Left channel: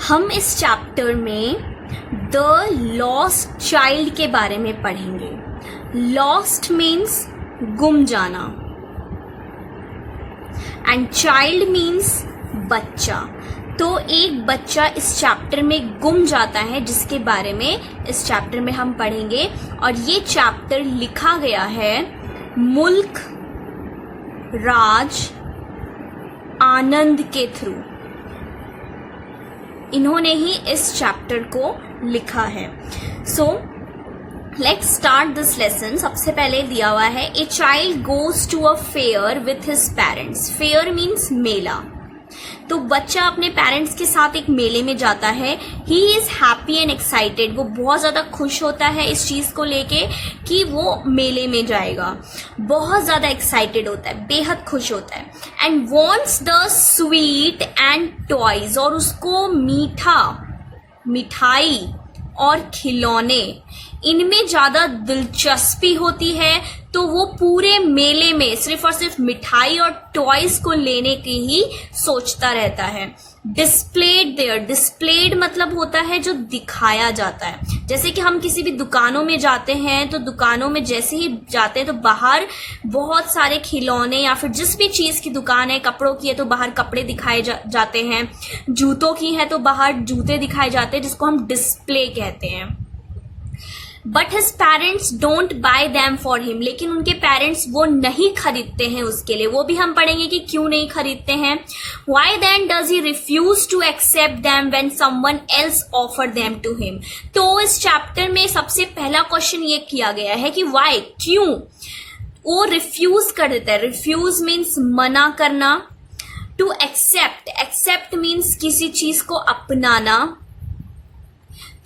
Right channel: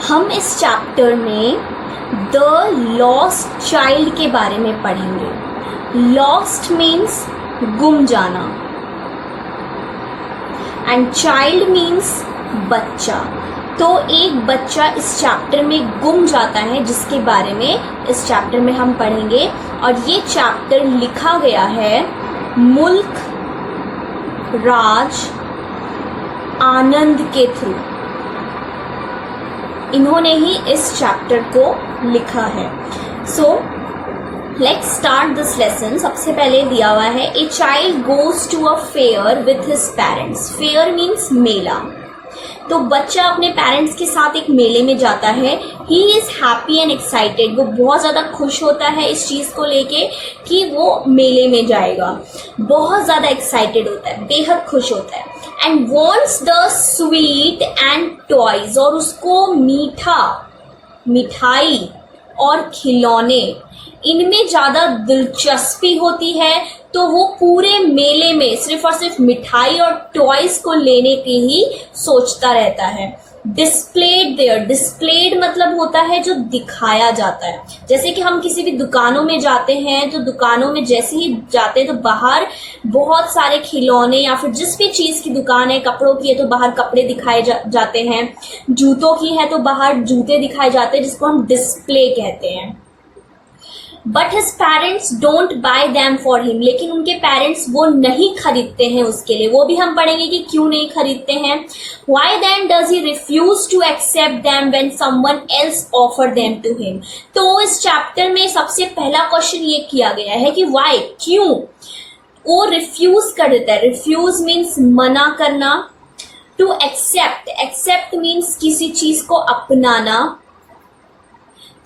हम इस चैप्टर में द लॉस्ट चाइल्ड के बारे में पढ़ेंगे। लॉस्ट मीन्स गुम जाना एंड चाइल्ड मीन्स बच्चा। तो एक बच्चा इस चैप्टर में गुम जाता है जिसके बारे में इस चैप्टर में हम पढ़ेंगे। और ये चैप्टर लिखा गया है मुल्क राज आनंद के थ्रू। इन्होंने ही इस चैप्टर को लिखा है। So let's start this lesson. सबसे पहले दिया हुआ है a child goes to a fair with his parents. Fair means मेला। तो बच्चा अपने पेरेंट्स के साथ एक मेले में जाता है। He is happy and excited. वो बहुत ज्यादा खुश होता है इस चीज को लेके कि वो मेले में जाएगा। बहुत ज्यादा एक्साइटेड होता है, बेहद खुश होता है। And wants the sweet and toys. और उसको मीठा, मिठाई और खिलौने इनमें ज्यादा दिलचस्पी होती है। तो वो पूरे मेले में सिर्फ और सिर्फ मिठाई और टॉयज को लेने की ही सोचता रहता है। Displayed there. डिस्प्लेड मतलब होता है जो दिखाया जाता है। जैसे कि हम किसी भी दुकानों में जाते हैं तो दुकानों में जैसे ही जाते हैं तो बाहर बहुत सारे खिलौने या फिर जिस भी चीज की दुकान है, कपड़ों की है तो बाहर कपड़े दिखाए जाते हैं, जूतों की है तो बाहर जूते दिखाए जाते हैं, जिसको हम डिस्प्ले कहते हैं। But his parents don't buy them for him. लेकिन उनके पेरेंट्स वो नहीं खरीदते हैं उसके लिए। वो भी हम पढ़ेंगे कि क्यों नहीं खरीदते हैं। Why then does he refuse to accept them when someone else offer them to him. तो इस चैप्टर में सबसे पहला क्वेश्चन ये किया गया है कि वाई, क्यों वो रिफ्यूज कर देता है। रिफ्यूज मीन्स मना करना। टू एक्सेप्ट, एक्सेप्ट मीन्स किसी चीज को अपनाना।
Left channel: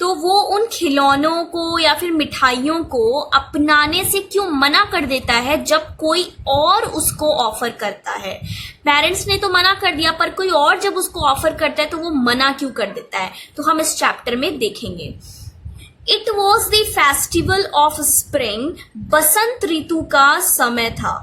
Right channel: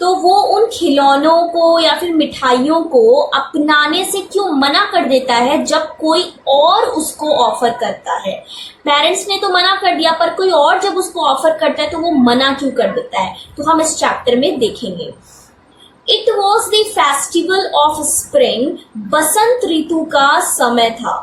तो वो उन खिलौनों को या फिर मिठाइयों को अपनाने से क्यों मना कर देता है जब कोई और उसको ऑफर करता है। पेरेंट्स ने तो मना कर दिया पर कोई और जब उसको ऑफर करता है तो वो मना क्यों कर देता है, तो हम इस चैप्टर में देखेंगे। It was the festival of spring. बसंत ऋतु का समय था।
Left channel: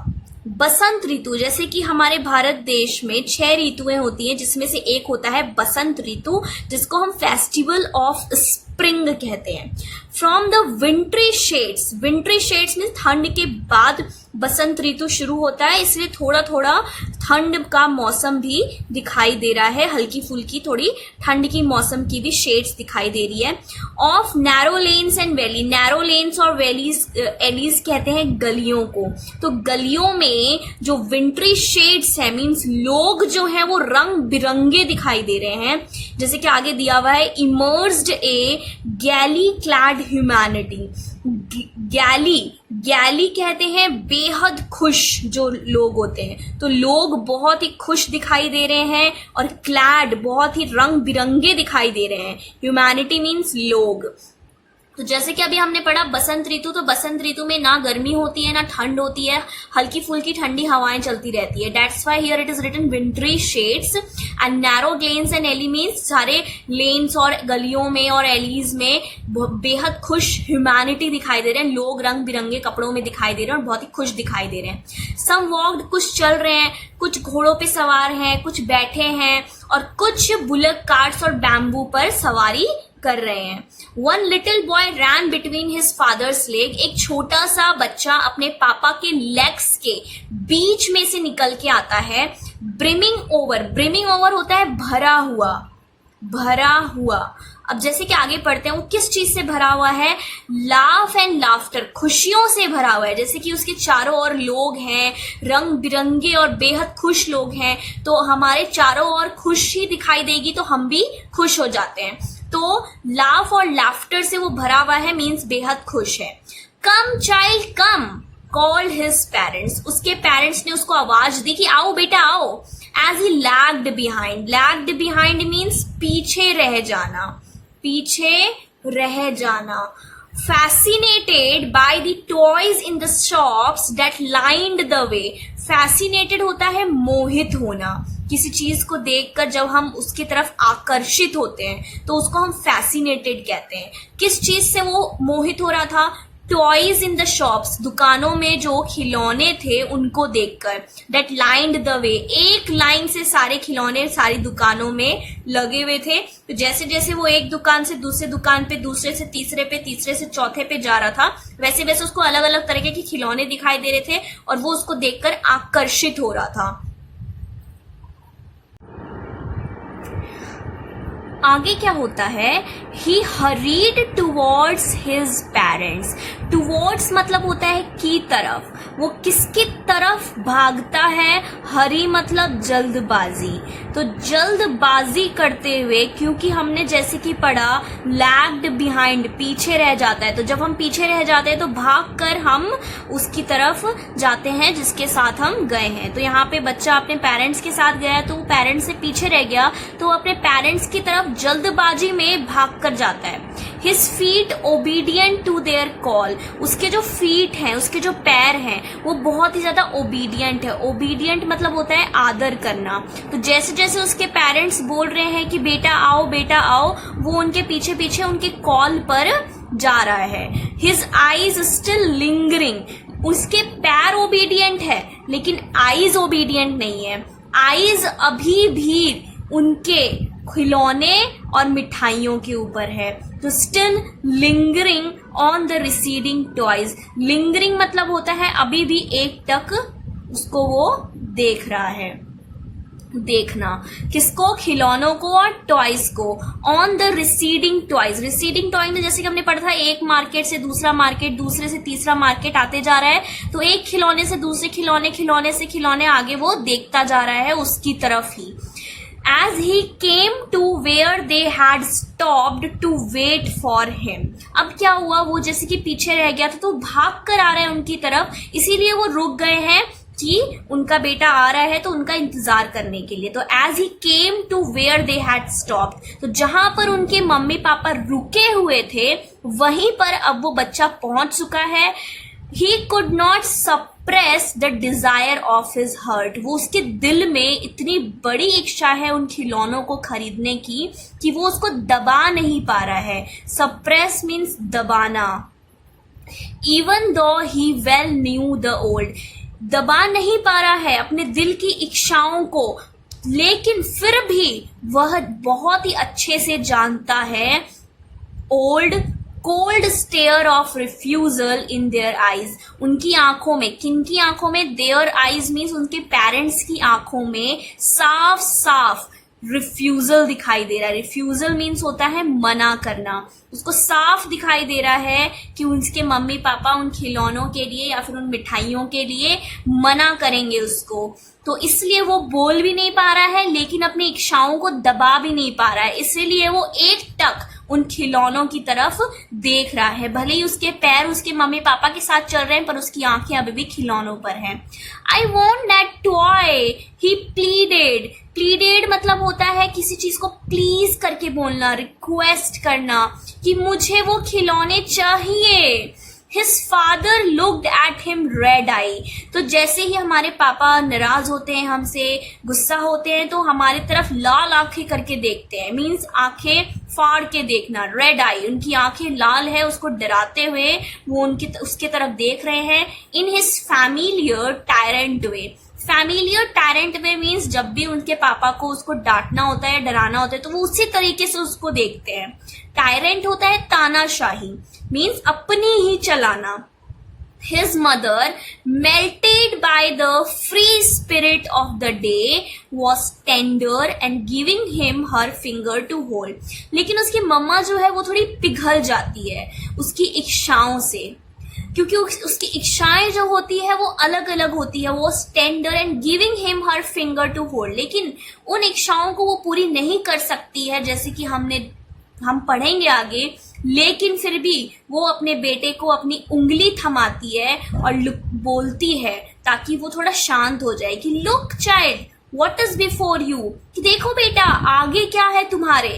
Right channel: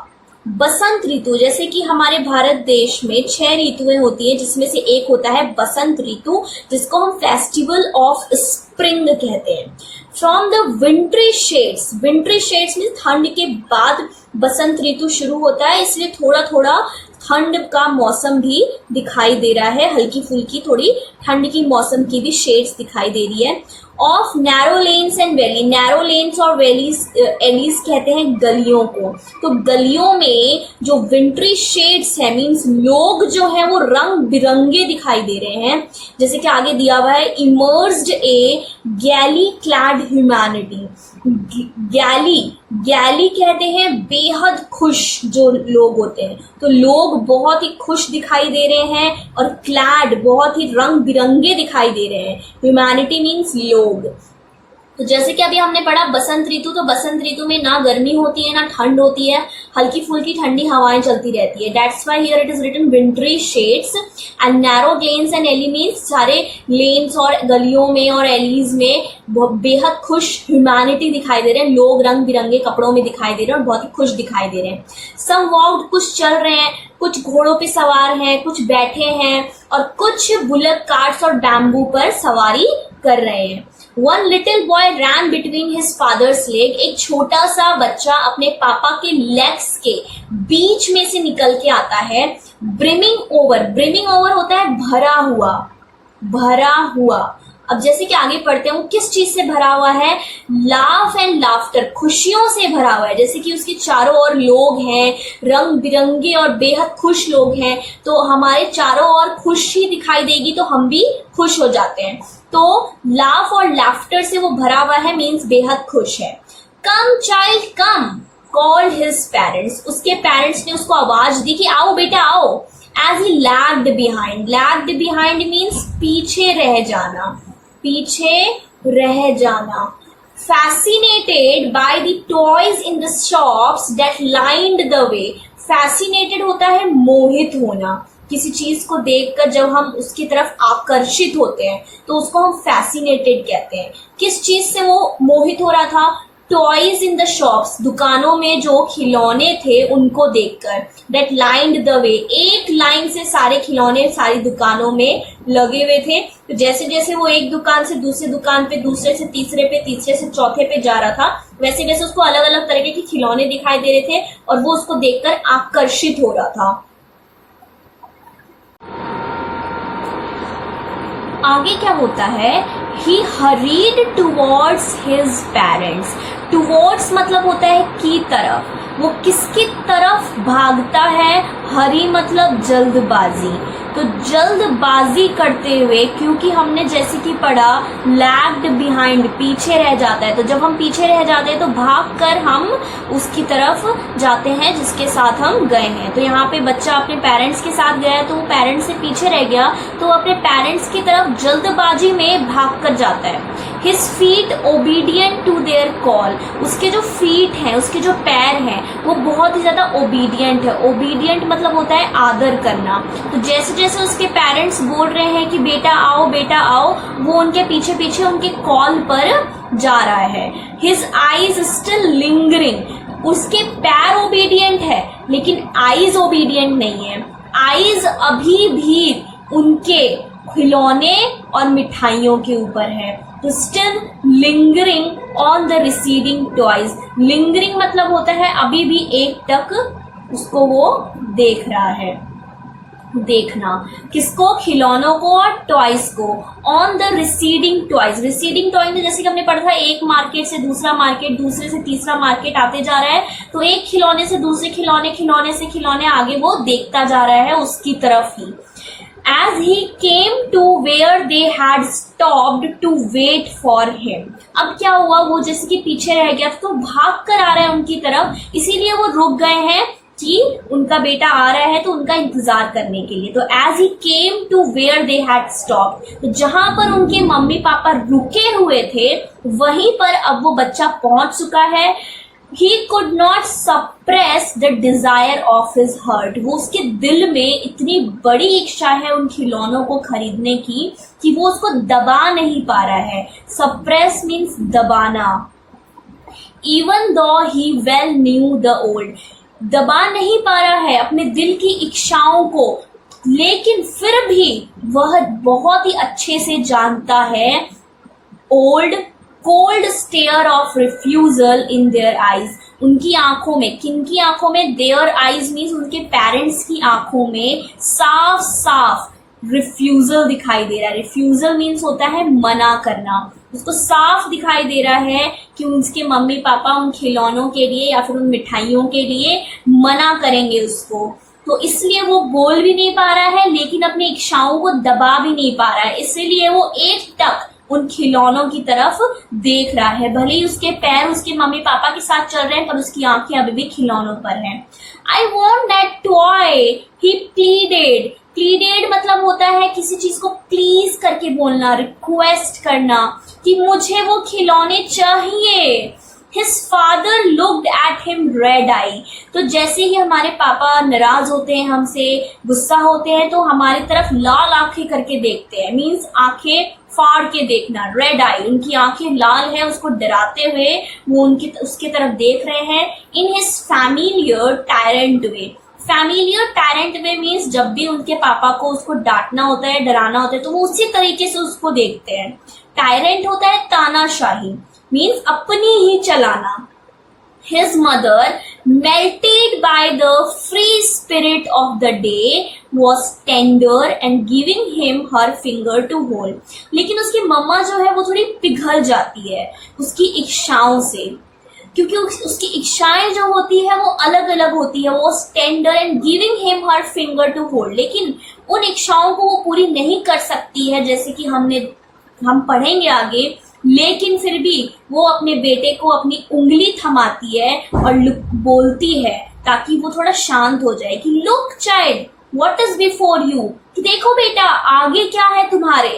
बसंत ऋतु, जैसे कि हमारे भारत देश में 6 ऋतुएं होती हैं जिसमें से एक होता है बसंत ऋतु, जिसको हम फेस्टिवल ऑफ स्प्रिंग कहते हैं। From the विंट्री shades. विंट्री शेड्स में ठंड के बाद बसंत ऋतु शुरू होता है, इसलिए थोड़ा थोड़ा ठंड का मौसम भी दिखाई दे रहा है। हल्की फुल्की थोड़ी ठंड की मौसम की भी शेड्स दिखाई दे रही है। Of narrow lanes and valley. Narrow lens और वैलीज, एलीज कहते हैं गलियों को। तो गलियों में जो विंट्री शेड्स है मीन्स लोग जो है वो रंग बिरंगे दिखाई दे रहे हैं। जैसे कि आगे दिया हुआ है इमर्स्ड ए गैली क्लैड ह्यूमैनिटी। गैली कहते हैं बेहद खुश जो लोग होते हैं। तो लोग बहुत ही खुश दिखाई दे रहे हैं और क्लैड बहुत ही रंग बिरंगे दिखाई दे रहे हैं। ह्यूमैनिटी मीन्स लोग। तो जैसे कि अभी हमने पढ़ा बसंत ऋतु, तो बसंत ऋतु में ना गर्मी होती है ना ठंड होती है, हल्की फुल्की ठंडी हवाएं चलती रहती है। That's why here it is written wintry shades and narrow lanes and alley means सारे लेन्स और गलियों में और एलीज में बेहद खुश ह्यूमैनिटी दिखाई दे रहे हैं। लोग रंग बिरंगे कपड़ों में दिखाई दे रहे हैं और बहुत ही खुश दिखाई दे रहे हैं। सम वॉक्ड, कुछ चल रहे हैं, कुछ घोड़ों पे सवार हैं, कुछ बैठे हैं और कुछ बुलक कार्ट्स और बैम्बू पर सवारी कर रहे हैं। वन लिटिल बॉय रैन बिटवीन हिज फादर्स लेग। एक छोटा सा बच्चा अपने पापा के लेग्स के बीच में से निकल के आता है। Brimming over. ब्रिमिंग ओवर होता है भरा हुआ, भरा हुआ। अब जैसे कि आगे पढ़ते हैं वो किस चीज से भरा हुआ है। लाफ एंड लाफ्टर, खुशियों से भरा हुआ है। जैसे कि उसके चारों ओर लोग हैं, रंग बिरंगे और बेहद खुश लोग हैं, तो हमारे चारों ओर खुशी दिखाई देगी तो हम भी खुश हो जाते हैं। तो लाफ और लाफ्टर से वो भरा हुआ है मीन्स बेहद खुश है। Come child come, called his parents. उसके पेरेंट्स ने उसको आवाज दी कि आओ बेटा आओ। As he lagged behind. Lagged behind means पीछे रह जाना, पीछे रह जाना। Fascinated by the toys in the shops that lined the way. Fascinated होता है मोहित होना। किसी चीज को देखकर जब हम उसकी तरफ आकर्षित होते हैं तो उसको हम फैसिनेटेड कहते हैं। किस चीज से वो मोहित हो रहा था? टॉयज इन द शॉप्स, दुकानों में जो खिलौने थे उनको देखकर, दैट लाइंड द वे, एक लाइन से सारे खिलौने सारी दुकानों में लगे हुए थे। तो जैसे जैसे वो एक दुकान से दूसरे दुकान पे, दूसरे से तीसरे पे, तीसरे से चौथे पे जा रहा था, वैसे वैसे उसको अलग अलग तरीके के खिलौने दिखाई दे रहे थे और वो उसको देखकर आकर्षित हो रहा था। आगे क्या होता है, he hurried towards his parents. Towards मतलब होता है की तरफ, वो किसकी तरफ भागता है, हरी मतलब जल्दबाजी। तो जल्दबाजी करते हुए, क्योंकि हमने जैसे कि पढ़ा लैग्ड बिहाइंड, पीछे रह जाता है, तो जब हम पीछे रह जाते हैं तो भागकर हम उसकी तरफ जाते हैं जिसके साथ हम गए हैं। तो यहाँ पे बच्चा अपने पेरेंट्स के साथ गया तो वो पेरेंट्स से पीछे रह गया, तो अपने पेरेंट्स की तरफ जल्दबाजी में भाग कर जाता है। His feet obedient to their call, उसके जो फीट हैं, उसके जो पैर हैं, वो बहुत ही ज्यादा ओबीडियंट है। ओबीडियंट मतलब होता है आदर करना। तो जैसे जैसे उसके पेरेंट्स बोल रहे हैं कि बेटा आओ बेटा आओ, वो उनके पीछे पीछे उनके कॉल पर जा रहा है। His eyes still lingering, उसके पैर ओबीडियंट है लेकिन आईज ओबीडियंट नहीं है। आईज अभी भी उनके खिलौने और मिठाइयों के ऊपर है। तो still lingering on the receding toys, lingering मतलब होता है अभी भी एक टक उसको वो देख रहा है। देखना किसको, खिलौनों को और टॉयज को। On the receding toys, receding toy में जैसे कि हमने पढ़ा था एक मार्केट से दूसरा मार्केट, दूसरे से तीसरा मार्केट आते जा रहा है, तो एक खिलौने से दूसरे खिलौने, खिलौने से खिलौने आगे वो देखता जा रहा है उसकी तरफ ही। As he came to where they had stopped to wait for him, अब क्या हुआ, वो जैसे कि पीछे रह गया था तो भाग कर आ रहा है उनकी तरफ, इसीलिए वो रुक गए हैं कि उनका बेटा आ रहा है तो उनका इंतजार करने के लिए। तो as he came to where they had stopped, तो जहां पर उनके मम्मी पापा रुके हुए थे वहीं पर अब वो बच्चा पहुंच चुका है। He could not suppress the desire of his heart, वो उसके दिल में इतनी बड़ी इच्छा है उन खिलौनों को खरीदने की कि वो उसको दबा नहीं पा रहा है। Suppress means दबाना। Even though he well knew the old, दबा नहीं पा रहा है अपने दिल की इच्छाओं को, लेकिन फिर भी वह बहुत ही अच्छे से जानता है old cold stare of refusal in their eyes, उनकी आंखों में, किनकी आंखों में, देयर आईज मीन्स उनके पेरेंट्स की आंखों में साफ साफ रिफ्यूजल दिखाई दे रहा है। रिफ्यूजल मीन्स होता है मना करना, उसको साफ दिखाई दे रहा है कि उनके मम्मी पापा उन खिलौनों के लिए या फिर उन मिठाइयों के लिए मना करेंगे उसको। तो इसलिए वो बोल भी नहीं पा रहा है लेकिन अपनी इच्छाओं को दबा भी नहीं पा रहा है, इसलिए वो एक टक उन खिलौनों की तरफ देख रहा है। भले ही उसके पैर उसके मम्मी पापा के साथ चल रहे हैं पर उसकी आंखें अभी भी खिलौनों पर हैं। I want that toy, he pleaded. Pleaded मतलब होता है किसी चीज को प्लीज करके बोलना, रिक्वेस्ट करना कि मुझे वो खिलौने चाहिए। His father looked at him red eye, तो जैसे ही हमारे पापा नाराज होते हैं, हमसे गुस्सा होते हैं, तो हमारी तरफ लाल आंखें करके देखते हैं, मीन्स आंखें फाड़ के देखना, रेड आई, उनकी आंखें लाल है, उसको डराते हुए वो उसके तरफ देख रहे हैं। In his familiar tyrant way, familiar tyrant way means जब भी उनके पापा को उसको डांटना होता है, डराना होता है, तो वो उसी तरीके से उसको देखते हैं। टायरेंट होता है तानाशाही, मीन्स अपनी ही चलाना। His mother, melted by the free spirit of the day, was tender and giving him her finger to hold. लेकिन उसकी मम्मा जो है वो थोड़ी पिघल जाती है उसकी इच्छाओं से, क्योंकि उसकी इच्छाएं जो होती है वो अलग अलग होती है। वो tender and giving him her finger to hold, लेकिन उन इच्छाओं को वो पूरी नहीं कर सकती है, जैसे कि हम पढ़ेंगे आगे। लेकिन फिर भी वो अपने बेटे को अपनी उंगली थमाती है और बोलती है ताकि वो थोड़ा शांत हो जाए कि look child what is before you, कि देखो बेटा आगे क्या है तुम्हारे।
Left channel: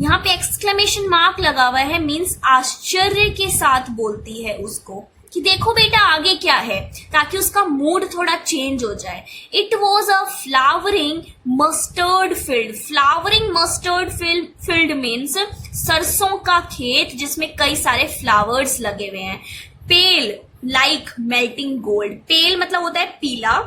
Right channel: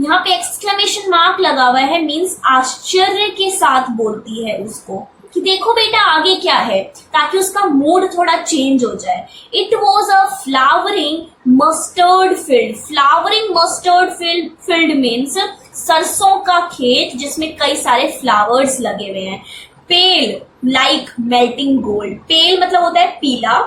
यहाँ पे एक्सक्लेमेशन मार्क लगा हुआ है, मीन्स आश्चर्य के साथ बोलती है उसको। कि देखो बेटा आगे क्या है, ताकि उसका मूड थोड़ा चेंज हो जाए। It was a flowering mustard field. Flowering mustard field means सरसों का खेत जिसमें कई सारे फ्लावर्स लगे हुए हैं। पेल लाइक मेल्टिंग गोल्ड। पेल मतलब होता है पीला।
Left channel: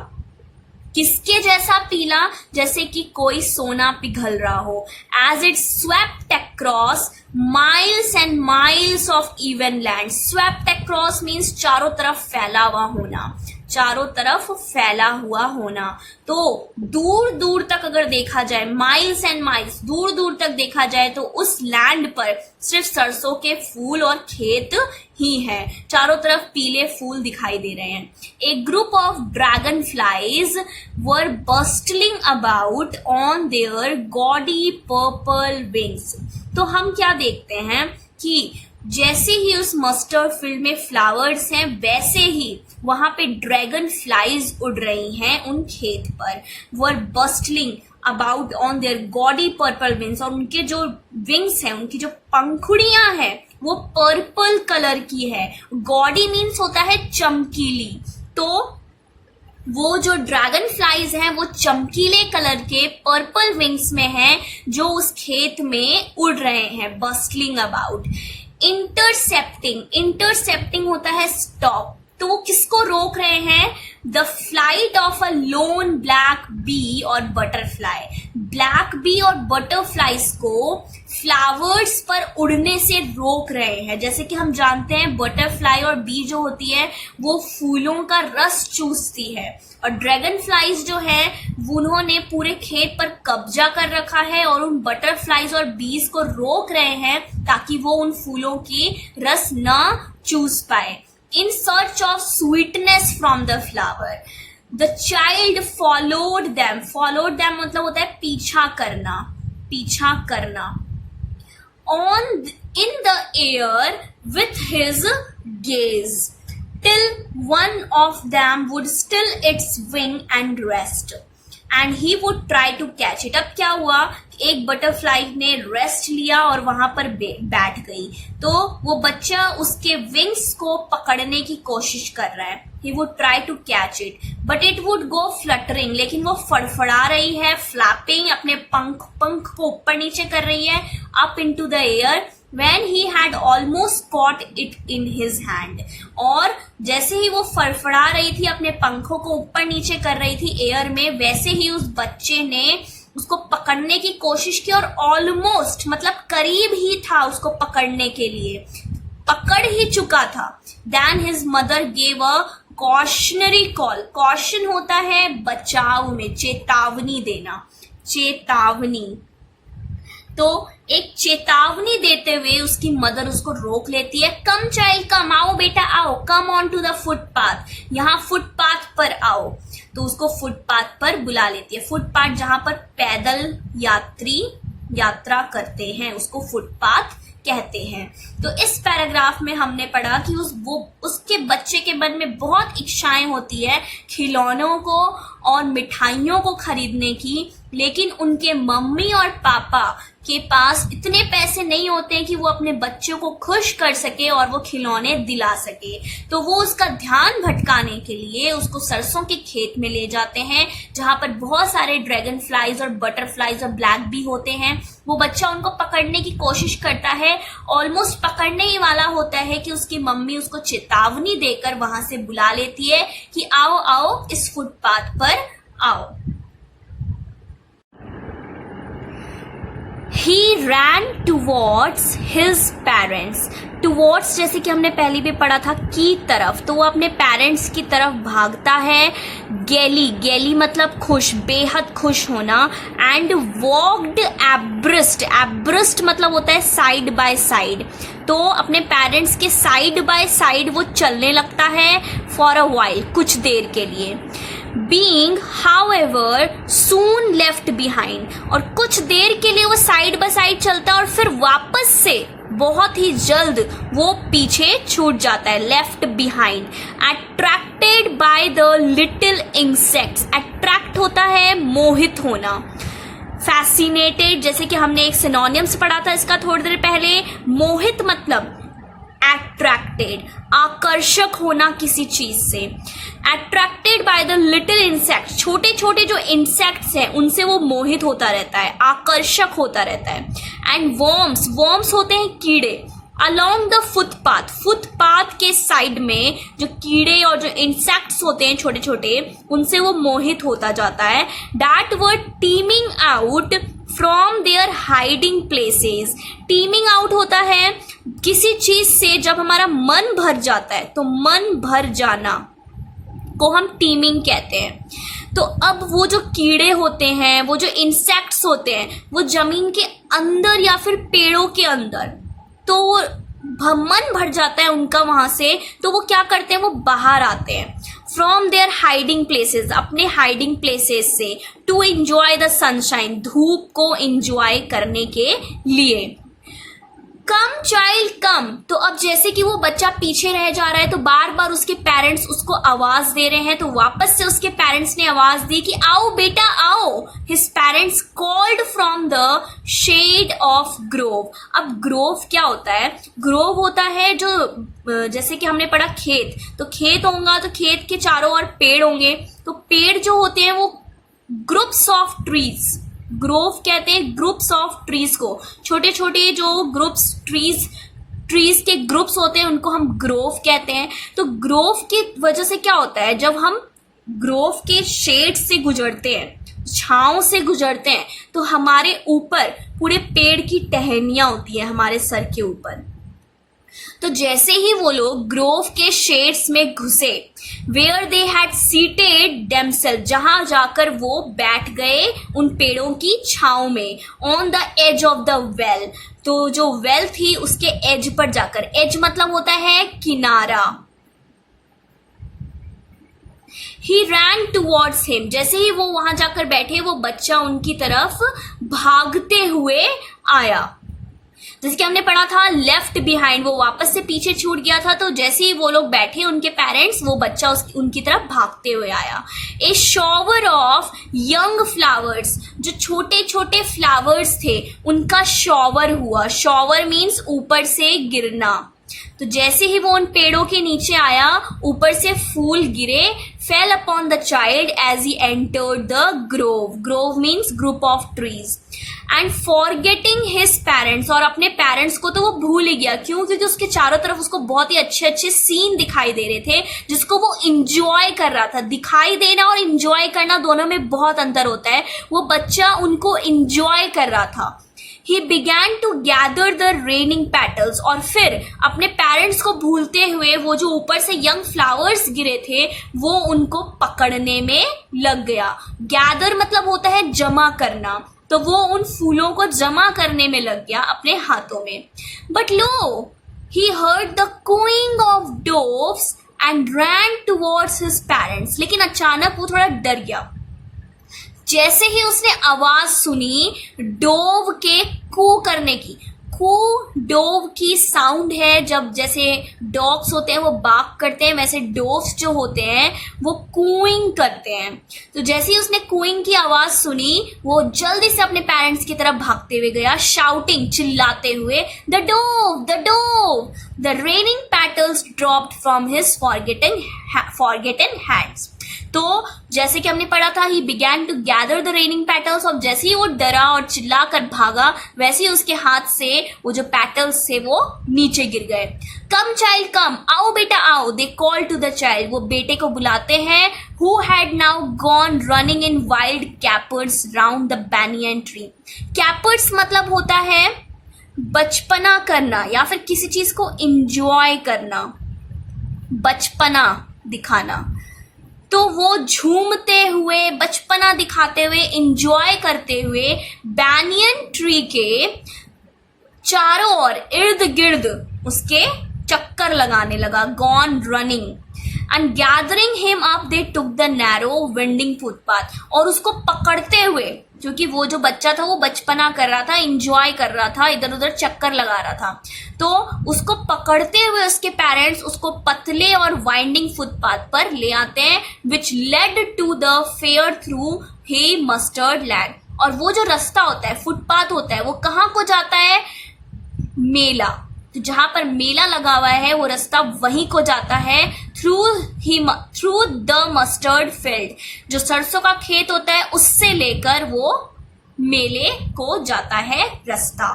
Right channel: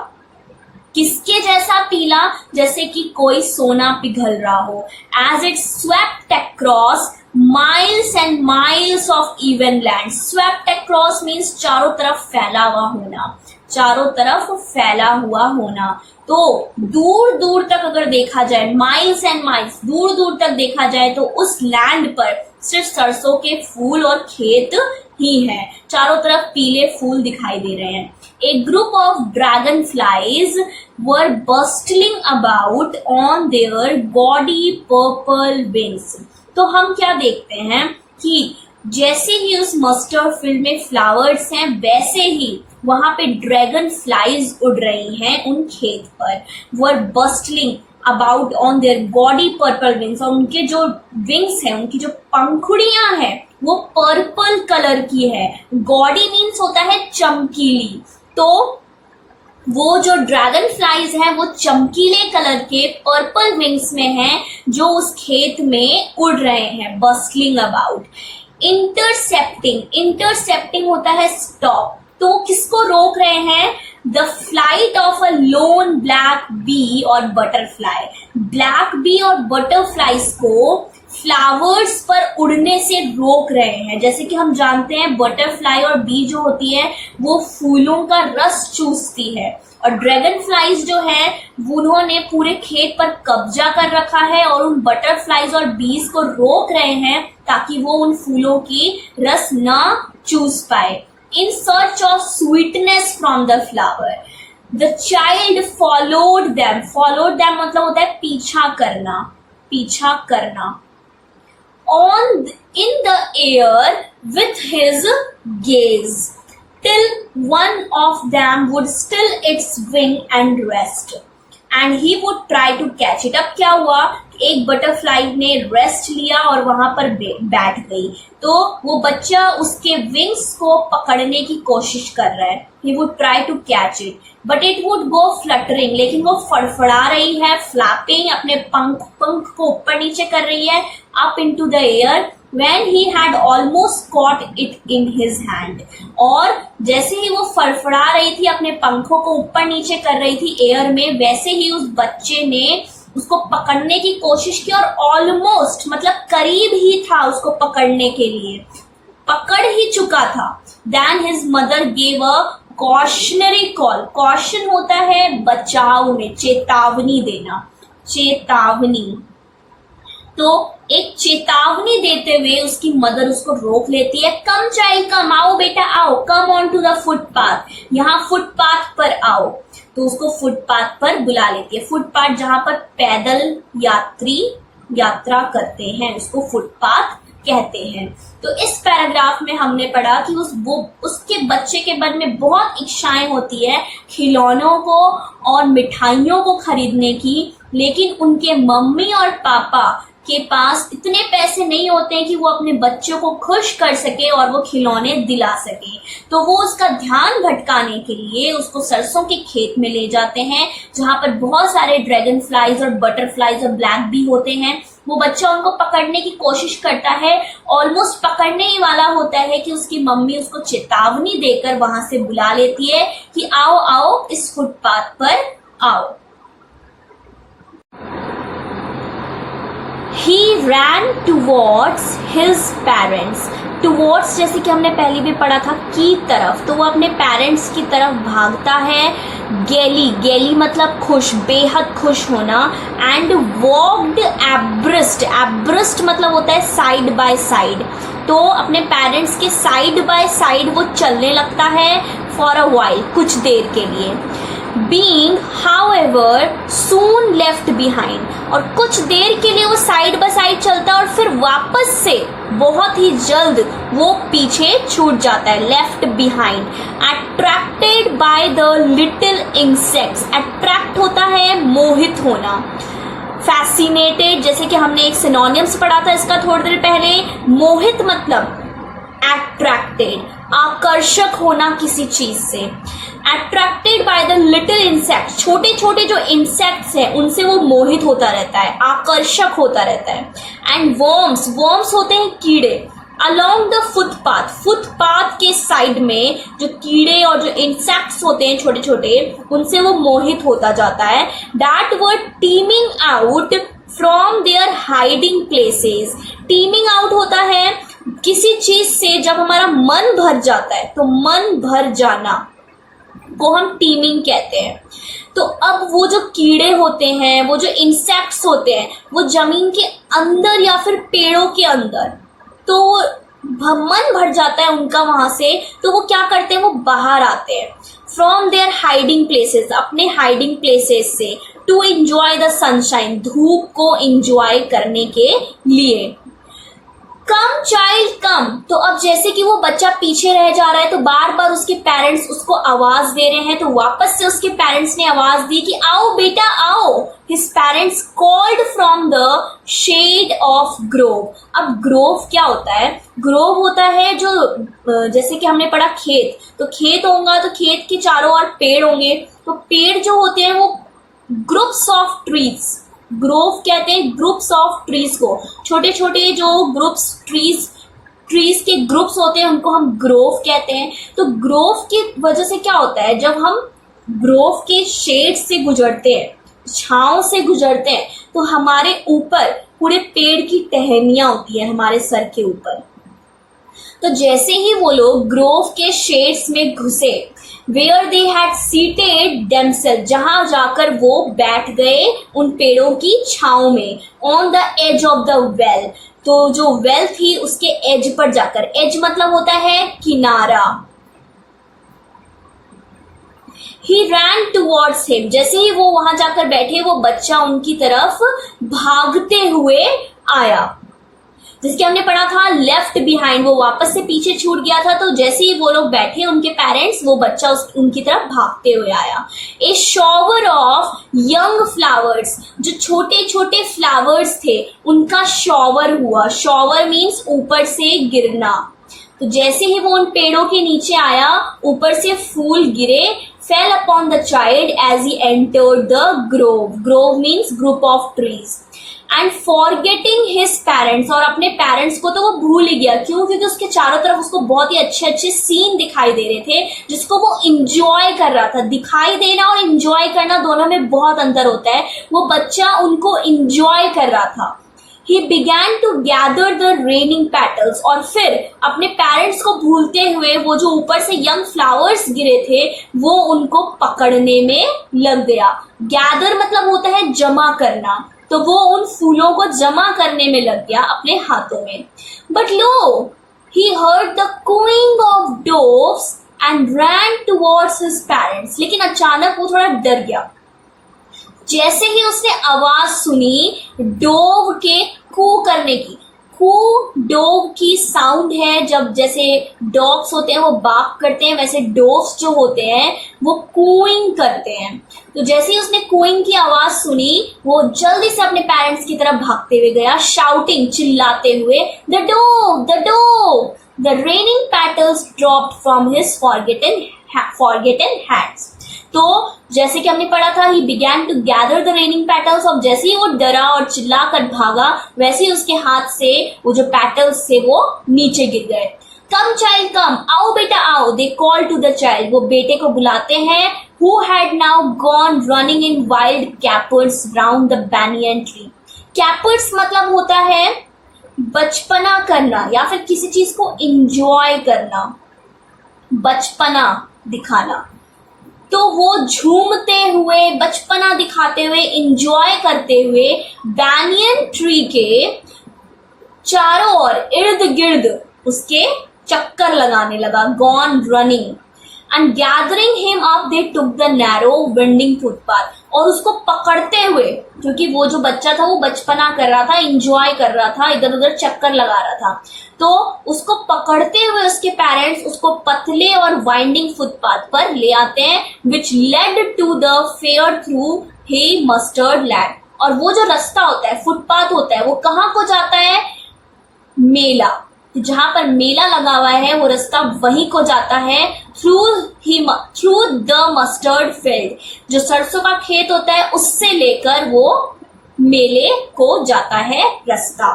किसके जैसा पीला? जैसे कि कोई सोना पिघल रहा हो। As it swept across miles and miles of even land. Swept across means चारों तरफ फैला हुआ होना, चारों तरफ फैला हुआ होना। तो दूर दूर तक अगर देखा जाए, माइल्स एंड माइल्स, दूर दूर तक देखा जाए तो उस लैंड पर सिर्फ सरसों के फूल और खेत ही हैं। चारों तरफ पीले फूल दिखाई दे रहे हैं। A group of dragonflies were bustling about on their gaudy purple wings. तो हम क्या देखते हैं कि जैसे ही उस मस्टर्ड फील्ड में फ्लावर्स हैं, वैसे ही वहां पे ड्रैगन फ्लाइज उड़ रही हैं उन खेत पर। Were bustling about on their gaudy purple wings. और उनके जो विंग्स हैं, उनकी जो पंखुड़ियां हैं, वो पर्पल कलर की है। गॉडी मीन्स होता है चमकीली। तो वो जो ड्रैगन फ्लाइज हैं वो चमकीले कलर के पर्पल विंग्स में हैं, जो उस खेत में उड़ रहे हैं। Bustling about. इंटरसेप्टिंग। इंटरसेप्टिंग होता है स्टॉप। तो किसको रोक रहे हैं? The flight of a lone black bee और बटरफ्लाई। ब्लैक बी और बटरफ्लाइज को फ्लावर्स पर उड़ने से रोक रहे हैं। जैसे कि हम जानते हैं बटरफ्लाई और बी जो होती है वो फूलों का रस चूसती है, और ड्रैगन फ्लाइज जो है उन्होंने पूरे खेत पर कब्जा कर रखा है और उन बटरफ्लाइज और बीज को रोक रहे हैं ताकि वो उन फूलों की रस ना चूस पाए। In search of sweetness from the flower, the child followed them. Followed them मतलब होता है पीछा करना, पीछा करना। On in the air with his gaze, till one of them would still its wing and rest, and he would try to catch it. अब क्या हुआ? एक बटरफ्लाई ने रेस्ट लिया और वहां पर बैठ गई, तो वो बच्चा उसके विंग्स को पकड़ने की कोशिश कर रहा है। He would try to catch it, but it would go fluttering. लेकिन वो फड़फड़ा रही है, फ्लैपिंग, अपने पंख को ऊपर नीचे कर रही है, up into the air, when he had almost caught it in his hand. और जैसे ही वो फड़फड़ा रही थी, अपने पंखों को ऊपर नीचे कर रही थी एयर में, वैसे ही उस बच्चे ने उसको पकड़ने की कोशिश की और ऑलमोस्ट मतलब करीब ही था उसको पकड़ने के लिए, पकड़ ही चुका था। Then his mother gave a cautionary call. Caution होता है बचाव में, चेतावनी देना, चेतावनी। तो एक चेतावनी देते हुए उसकी मदर उसको रोक लेती है। कम चाइल्ड कम, आओ बेटा आओ, come on to the footpath, यहाँ फुटपाथ पर आओ। तो उसको फुटपाथ पर बुला लेती है। फुटपाथ जहां पर पैदल यात्री यात्रा करते हैं उसको फुटपाथ कहते हैं। तो इस पैराग्राफ में हमने पढ़ा कि उसके बच्चे के मन में बहुत इच्छाएं होती है खिलौनों को और मिठाइयों को खरीदने की, लेकिन उनके मम्मी और पापा के पास इतने पैसे नहीं होते हैं कि वो अपने बच्चों को खुश कर सके और वो खिलौने दिला सके। तो वो उसका ध्यान भटकाने के लिए उसको सरसों के खेत में ले जाते हैं, जहां पर बहुत सारे ड्रैगन फ्लाइज और बटरफ्लाइज और ब्लैक बी होते हैं। वो बच्चा उनको पकड़ने की कोशिश करता है, ऑलमोस्ट पकड़ने ही वाला होता है कि उसकी मम्मी उसको चेतावनी देकर वहां से बुला लेती है कि आओ आओ इस फुटपाथ पर आओ। He ran towards his parents. Towards जैसे कि हमने पहले भी पढ़ा था की तरफ, तो वो अपने पेरेंट्स की तरफ भागता है। गेली, गेली मतलब खुश, बेहद खुश होना। एंड वॉक्ड एब्रिस्ट, एब्रिस्ट मतलब होता है साइड बाय साइड। तो अपने पेरेंट्स के साइड बाय साइड वो चलने लगता है फॉर अ वाइल, कुछ देर के लिए। Being, however, soon left behind, और कुछ देर के लिए वो साइड बाय साइड चलता है और फिर वापस से बहुत ही जल्द वो पीछे छूट जाता है, left behind. Attracted by the little insects, attract होता है मोहित होना। फैसिनेटेड जैसे कि हमने एक सिनोनिम्स पढ़ा था इसका थोड़ी देर पहले, मोहित मतलब अट्रैक्टेड, आकर्षक होना किसी चीज से, attracted by the little insect, छोटे छोटे जो इंसेक्ट्स हैं उनसे वो मोहित होता रहता है, आकर्षक होता रहता है। एंड वर्म्स, वर्म्स होते हैं कीड़े, अलोंग द फुटपाथ, फुटपाथ के साइड में जो कीड़े और जो इंसेक्ट्स होते हैं छोटे छोटे, उनसे वो मोहित होता जाता है। That were teeming out from their hiding places, teeming out होता है किसी चीज से जब हमारा मन भर जाता है, तो मन भर जाना को हम टीमिंग कहते हैं। तो अब वो जो कीड़े होते हैं, वो जो इंसेक्ट्स होते हैं, वो जमीन के अंदर या फिर पेड़ों के अंदर, तो मन भर जाता है उनका वहां से, तो वो क्या करते हैं, वो बाहर आते हैं फ्रॉम देयर हाइडिंग प्लेसेस, अपने हाइडिंग प्लेसेस से, टू एंजॉय द सनशाइन, धूप को एंजॉय करने के लिए। कम चाइल्ड कम, तो अब जैसे कि वो बच्चा पीछे रह जा रहा है तो बार बार उसके पेरेंट्स उसको आवाज दे रहे हैं, तो वापस से उसके पेरेंट्स ने आवाज दी कि आओ बेटा आओ। His parents called from the shade of grove. अब ग्रोव क्या होता है, ग्रोव होता है जो जैसे कि हमने पढ़ा खेत, तो खेत होगा तो खेत के चारों ओर पेड़ होंगे, तो पेड़ जो होते हैं वो ग्रुप्स ऑफ ट्रीज, ग्रोव कहते हैं ग्रुप्स ऑफ ट्रीज को, छोटे छोटे जो ग्रुप्स ट्रीज के ग्रुप्स होते हैं उनको हम ग्रोव कहते हैं। तो ग्रोव की वजह से क्या होता है, जब हम ग्रोव के शेड से गुजरते हैं, छांव से गुजरते हैं, तो हमारे ऊपर पूरे पेड़ की टहनियां होती है हमारे सर के ऊपर। तो जैसे ही वो लोग ग्रोव के शेड्स में घुसे, where they had seated themselves, जहां जाकर वो बैठ गए उन पेड़ों की छांव में, on the edge of the well, तो जो वेल थी उसके एज पर जाकर, एज मतलब होता है किनारा। He ran towards him, जैसे ही वो वहां जाकर बैठे, वो बच्चा उनकी तरफ भागते हुए आया। जैसे कि हमने पढ़ा था लेफ्ट बिहाइंड, वो वापस से पीछे छूट गया था, तो जैसे ही वो लोग बैठे उनके पेरेंट्स, वो बच्चा उनकी तरफ भागते हुए आया। ए शॉवर ऑफ यंग फ्लावर्स, जो छोटे छोटे फ्लावर्स थे उनका शॉवर हुआ, शॉवर मीन्स ऊपर से गिरना। तो जैसे ही वो उन पेड़ों के नीचे आया, ऊपर से फूल गिरे, fell upon the child as he entered the grove, grove means group of trees, and forgetting his parents, और अपने पेरेंट्स को तो वो भूल ही गया, क्यों, क्योंकि उसके चारों तरफ उसको बहुत ही अच्छे अच्छे सीन दिखाई दे रहे थे जिसको वो इंजॉय कर रहा था। दिखाई देना और इंजॉय करना दोनों में बहुत अंतर होता है, वो बच्चा उनको इंजॉय कर रहा था। He began to gather the raining petals, और फिर अपने पेरेंट्स को भूलते हुए वो जो ऊपर से यंग फ्लावर्स गिरे थे वो उनको पकड़ने में लग गया। गैदर मतलब होता है जमा करना, तो वो उन फूलों को जमा करने में लग गया अपने हाथों में। But lo, he heard the cooing of doves and ran towards his parents, लेकिन अचानक वो थोड़ा डर गया। जैसे ही उसने आवाज सुनी डोव के कू करने की, कू डोव की साउंड है, जब जैसे डॉग्स होते हैं वो बार्क करते हैं, वैसे डोव्स जो होते हैं वो कूइंग करते हैं। तो जैसे ही उसने कूइंग की आवाज सुनी, वो जल्दी से अपने पेरेंट्स की तरफ भागते हुए गया, शाउटिंग, चिल्लाते हुए, the dove, the dove. The raining petals dropped from his forgotten hands. तो जैसे कि हमने पढ़ा था, he began to gather the raining petals, और जैसे ही वो डरा और चिल्लाकर भागा, वैसे ही उसके हाथ से वो जो पेटल्स थे वो नीचे गिर गए। कम चाइल्ड कम, आओ बेटा आओ, they call to the child, वो बेटे को बुलाते हैं, who had now gone running in wild capers round the banyan tree. Capers मतलब होता है बचपना करना या फिर किसी चीज को इंजॉय करना, बचपना दिखाना। तो वो झूमते हुए, बचपना दिखाते हुए, एंजॉय करते हुए बैनियन ट्री के चारों ओर इर्द गिर्द उसके चक्कर लगाने लगा, gone running, and gathering him up they took the narrow winding footpath, और उसको पकड़ते हुए, क्योंकि वो जो बच्चा था वो बचपना कर रहा था, एंजॉय कर रहा था, इधर उधर चक्कर लगा रहा था, तो उसको पकड़ते हुए उसके पेरेंट्स उसको पतले और वाइंडिंग फुटपाथ पर ले आते हैं, which led to the fair through the mustard land. और वो जो रास्ता होता है, फुटपाथ होता है, वो कहाँ को जाता है, मेला, तो जहां पर मेला लगा हुआ है वो रास्ता वहीं को जाता है, थ्रू द मस्टर्ड फील्ड, जो सरसों का खेत होता है उससे लेकर वो मेले को जाता है रास्ता।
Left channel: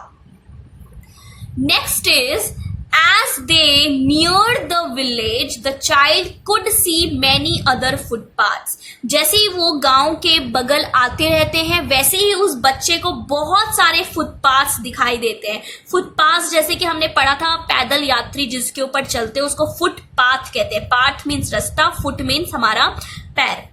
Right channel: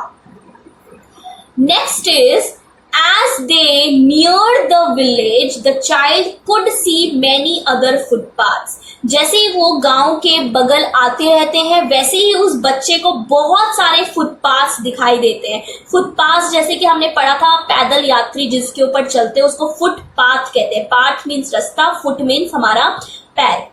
Next is, as they neared the village, the child could see many other footpaths. जैसे ही वो गांव के बगल आते रहते हैं वैसे ही उस बच्चे को बहुत सारे फुटपाथ्स दिखाई देते हैं। फुटपाथ जैसे कि हमने पढ़ा था, पैदल यात्री जिसके ऊपर चलते हैं उसको फुटपाथ कहते हैं। पाथ मीन्स रास्ता, फुट मीन्स हमारा पैर।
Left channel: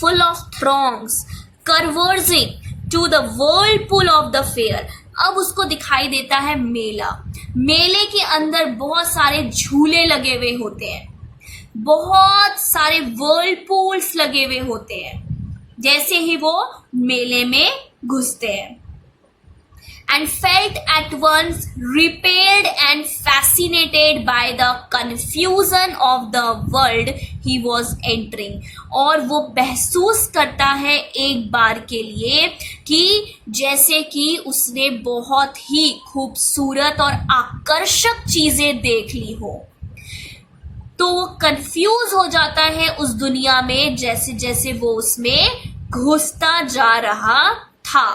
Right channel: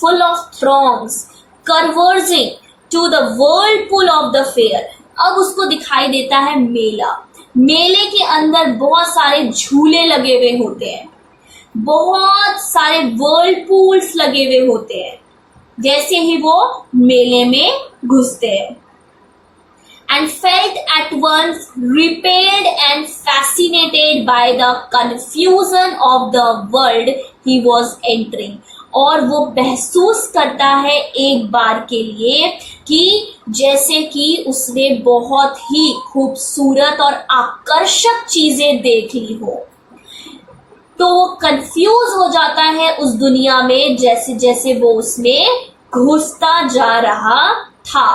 Full of throngs converging to the whirlpool of the fair. अब उसको दिखाई देता है मेला। मेले के अंदर बहुत सारे झूले लगे हुए होते हैं, बहुत सारे whirlpools लगे हुए होते हैं जैसे ही वो मेले में घुसते हैं। And felt at once repelled and fascinated by the confusion of the world he was entering. और वो महसूस करता है एक बार के लिए कि जैसे कि उसने बहुत ही खूबसूरत और आकर्षक चीजें देख ली हो, तो वो कंफ्यूज हो जाता है उस दुनिया में जैसे जैसे वो उसमें घुसता जा रहा था।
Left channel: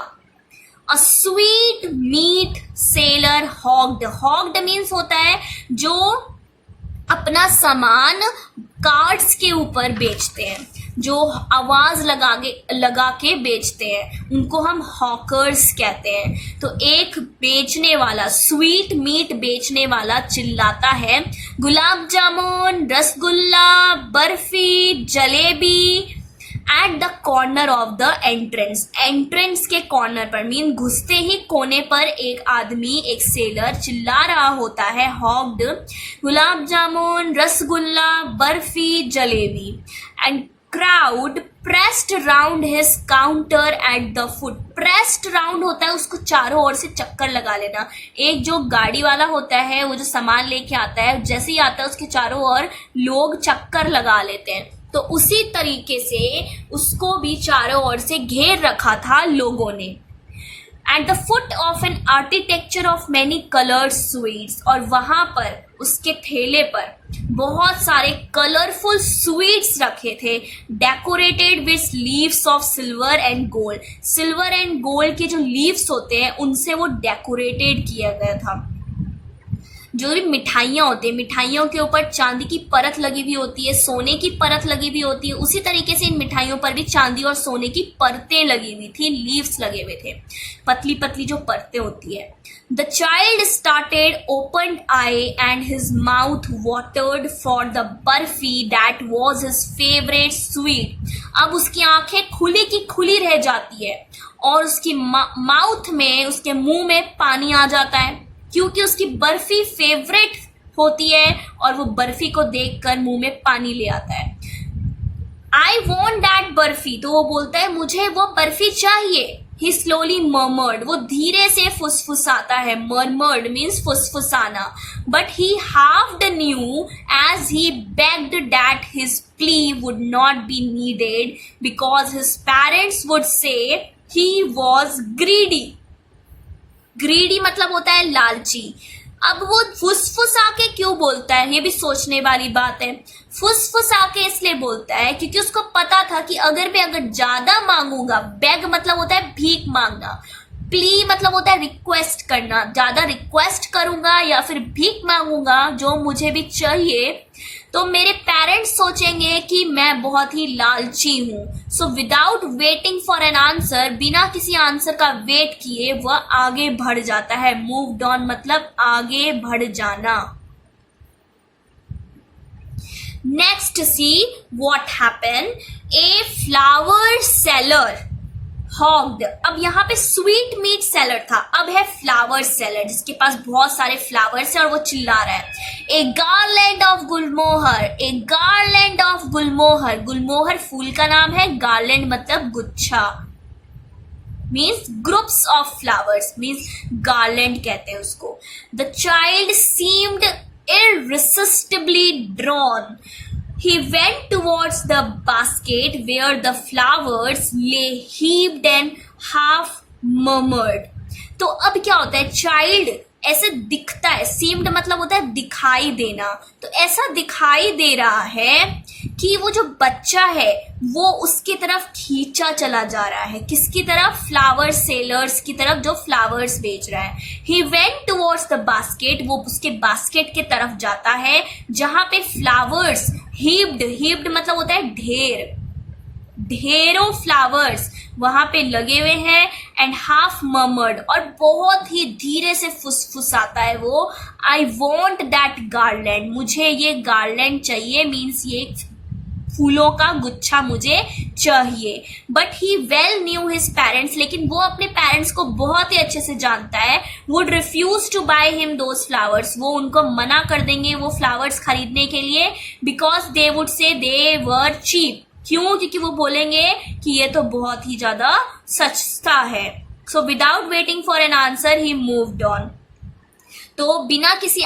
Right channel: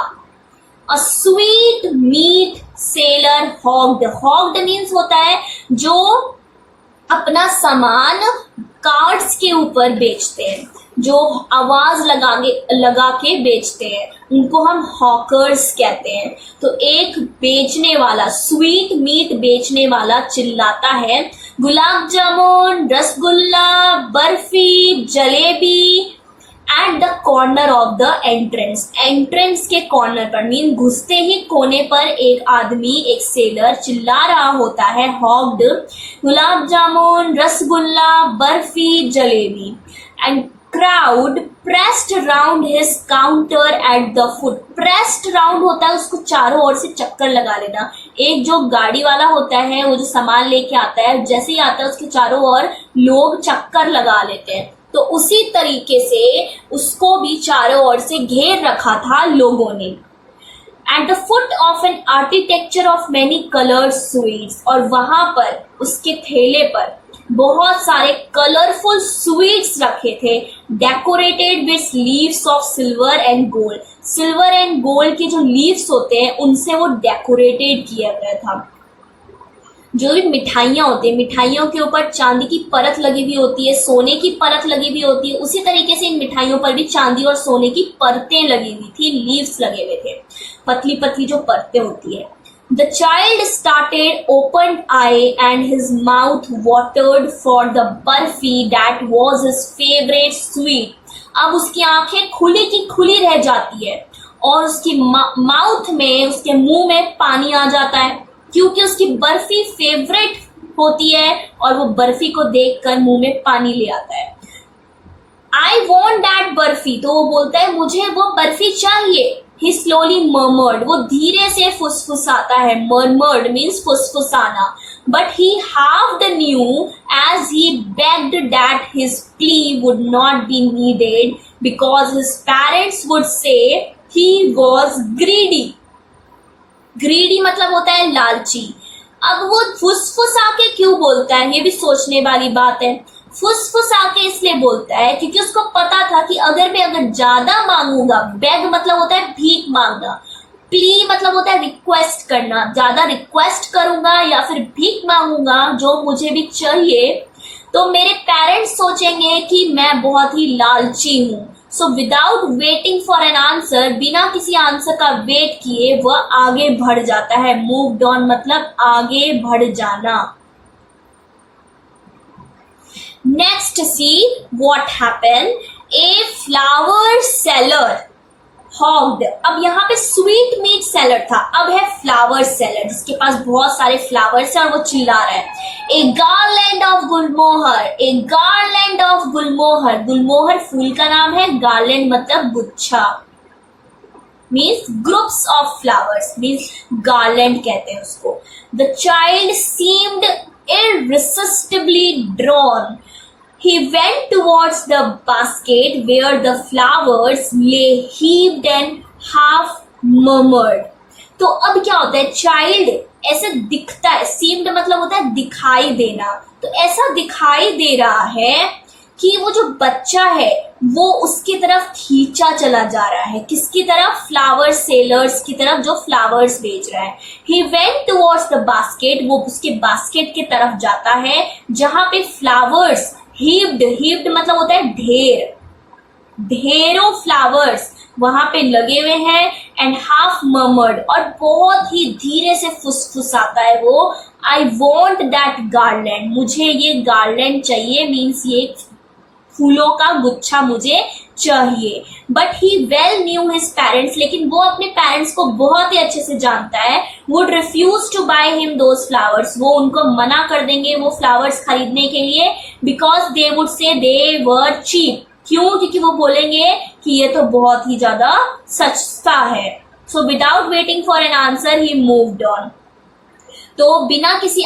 A sweet meat sailor hogged. Hogged means होता है जो अपना सामान कार्ड्स के ऊपर बेचते हैं, जो आवाज लगा के बेचते हैं, उनको हम हॉकर्स कहते हैं। तो एक बेचने वाला, स्वीट मीट बेचने वाला चिल्लाता है, gulab jamun, rasgulla, barfi, jalebi at the corner of the entrance. Entrance के कॉर्नर पर मीन घुसते ही कोने पर एक आदमी, एक सेलर चिल्ला रहा होता है, hawked, gulab jamun, rasgulla, barfi, jalebi. And crowd pressed round his counter at the foot. Pressed round होता है उसको चारों ओर से चक्कर लगा लेना। एक जो गाड़ी वाला होता है वो जो सामान लेके आता है, जैसे ही आता है उसके चारों ओर लोग चक्कर लगा लेते हैं, तो उसी तरीके से उसको भी चारों ओर से घेर रखा था लोगों ने। Eight the foot of an architecture of many coloured sweets. और वहां पर उसके ठेले पर बहुत सारे कलरफुल स्वीट्स रखे थे, decorated with leaves of silver and gold. Silver and gold के जो लीव्स होते हैं उनसे वो डेकोरेटेड किया गया था। जो भी मिठाइयाँ होती है, मिठाइयों के ऊपर चांदी की परत लगी हुई होती है, सोने की परत लगी हुई होती है, उसी तरीके से इन मिठाइयों पर भी चांदी और सोने की परतें लगी हुई थी, लीव्स लगे हुए थे, पतली पतली जो परतें होती है। The child started opened eye and his mouth watered for the burfi that was his favorite sweet. अब उसकी आंखें खुली की खुली रह जाती है और उसकी माउथ में, उसके मुंह में पानी आ जाता है क्योंकि उसकी बर्फी फेवरेट होती है और वो बर्फी को देखकर मुंह में पानी ले आता है। आई वॉन्ट दैट बर्फी, तो वो बोलता है मुझे वो बर्फी चाहिए। ही स्लोली मर्मर्ड, वो धीरे से फुसफुसाता है, मर्मर्ड मीन्स फुसफुसाना। But he half knew as he begged that his plea would not be needed because his parents would say he was greedy. Greedy मतलब होता है लालची। अब वो फुसफुसा के क्यों बोलता है, ये भी सोचने वाली बात है। फुसफुसा के इसलिए बोलता है क्योंकि उसको पता था कि अगर ज्यादा मांगूंगा, बेग मतलब होता है भीख मांगना, प्ली मतलब होता है रिक्वेस्ट करना, ज्यादा रिक्वेस्ट करूंगा या फिर भीख मांगूंगा जो मुझे भी चाहिए, तो मेरे पेरेंट्स सोचेंगे कि मैं बहुत ही लालची हूं। So without waiting for an answer, बिना किसी आंसर का वेट किए वह आगे बढ़ जाता है। मूव्ड ऑन मतलब आगे बढ़ जाना। Next see what happen. A flower seller hawked. अब यहाँ पे स्वीट मीट सेलर था, अब है फ्लावर सेलर जिसके पास बहुत सारे फ्लावर्स है और वो चिल्ला रहा है, a garland of gulmohar, a garland of gulmohar. Gulmohar फूल का नाम है, गार्लैंड मतलब गुच्छा, means groups of flowers, means garland कहते हैं उसको। The child seemed irresistibly drawn. He went towards the basket where the flowers lay heaped and half murmured. तो अब क्या होता है, चाइल्ड ऐसे दिखता है, सीम्ड मतलब होता है दिखाई देना, तो ऐसा दिखाई दे रहा है कि वो जो बच्चा है वो उसकी तरफ खींचा चला जा रहा है, किसकी तरफ, फ्लावर सेलर्स की तरफ जो फ्लावर्स बेच रहा है। He went towards the basket, वो उसके बास्केट की तरफ जाता है जहां पे फ्लावर्स हीप्ड मतलब होता है ढेर, ढेरों फ्लावर्स वहां पे लगे हुए हैं। एंड हाफ मर्मर्ड, और बहुत ही धीरे से फुसफुसाता है वो, आई वॉन्ट दैट गार्लैंड, मुझे ये गार्लैंड चाहिए, मीन्स ये फूलों का गुच्छा मुझे चाहिए। But he well new his parents, लेकिन वो अपने पेरेंट्स को बहुत ही अच्छे से जानता है, would refuse to buy him those flowers, वो उनको मना कर देंगे वो फ्लावर्स खरीदने के लिए, बिकॉज दे वुड से दे वर चीप, क्यों, क्योंकि वो बोलेंगे कि ये तो बहुत ही ज्यादा सस्ता है। So without waiting for an answer he moved on, तो बिना किसी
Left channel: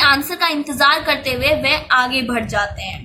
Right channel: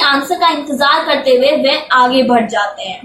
आंसर का इंतजार करते हुए वे आगे बढ़ जाते हैं।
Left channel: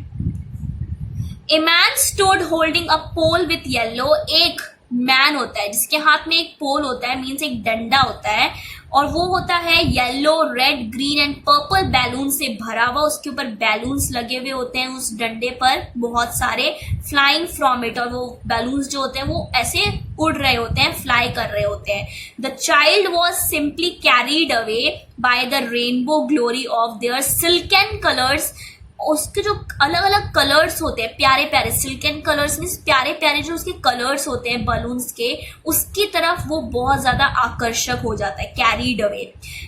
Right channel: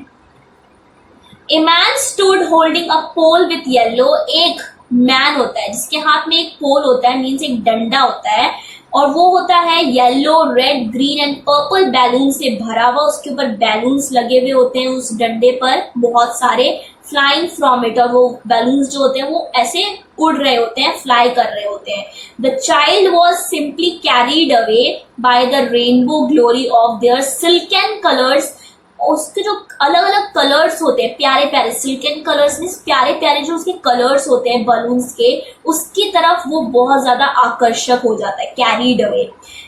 A man stood holding a pole with yellow, एक मैन होता है जिसके हाथ में एक पोल होता है, मीन्स एक डंडा होता है, और वो होता है yellow, red, green and purple balloon से भरा हुआ, उसके ऊपर बैलून्स लगे हुए होते हैं उस डंडे पर बहुत सारे, फ्लाइंग फ्रॉम इट, और वो बैलून्स जो होते हैं वो ऐसे उड़ रहे होते हैं, फ्लाई कर रहे होते हैं। The child was simply carried away by the rainbow glory of their silken colours, उसके जो अलग अलग कलर्स होते हैं, प्यारे प्यारे सिल्कन कलर्स मीन्स प्यारे प्यारे जो उसके कलर्स होते हैं बलून्स के, उसकी तरफ वो बहुत ज्यादा आकर्षक हो जाता है, carried away.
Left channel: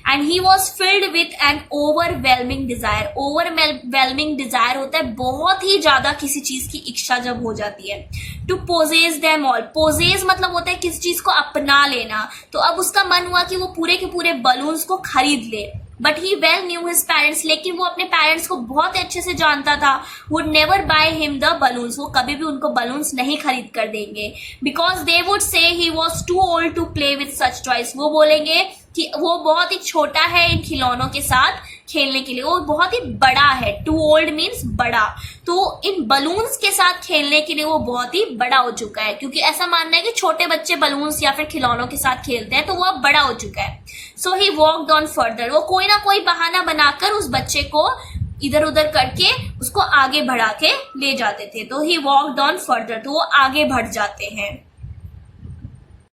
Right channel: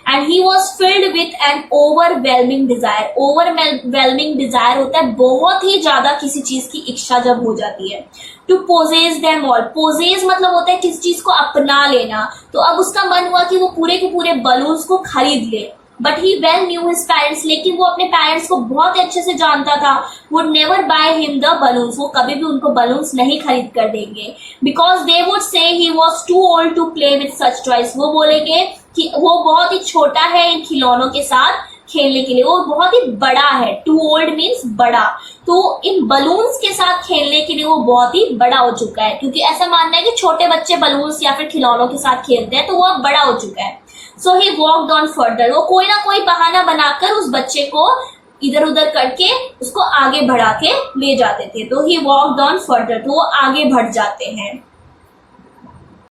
And he was filled with an overwhelming desire, overwhelming desire होता है बहुत ही ज्यादा किसी चीज की इच्छा जब हो जाती है। To possess them all, possess मतलब होता है किसी चीज को अपना लेना, तो अब उसका मन हुआ कि वो पूरे के पूरे बलून्स को खरीद ले। But he well new his parents, लेकिन वो अपने पेरेंट्स को बहुत ही अच्छे से जानता था, would never by him the balloons, वो कभी भी उनको बलून्स नहीं खरीद कर देंगे, because they would say he was too old to play with such toys, वो बोलेंगे कि वो बहुत ही छोटा है इन खिलौनों के साथ खेलने के लिए, वो बहुत ही बड़ा है, टू ओल्ड मीन्स बड़ा, तो इन बलून्स के साथ खेलने के लिए वो बहुत ही बड़ा हो चुका है, क्योंकि ऐसा मानना है कि छोटे बच्चे बलून्स या फिर खिलौनों के साथ खेलते हैं तो वो अब बड़ा हो चुका है। सो ही वॉकड ऑन फर्दर, वो कोई ना कोई बहाना बनाकर उस बच्चे को इधर उधर करके उसको आगे बढ़ा के ले जाते थे, तो ही वॉकड ऑन फर्दर, तो वो आगे बढ़ जाते हैं।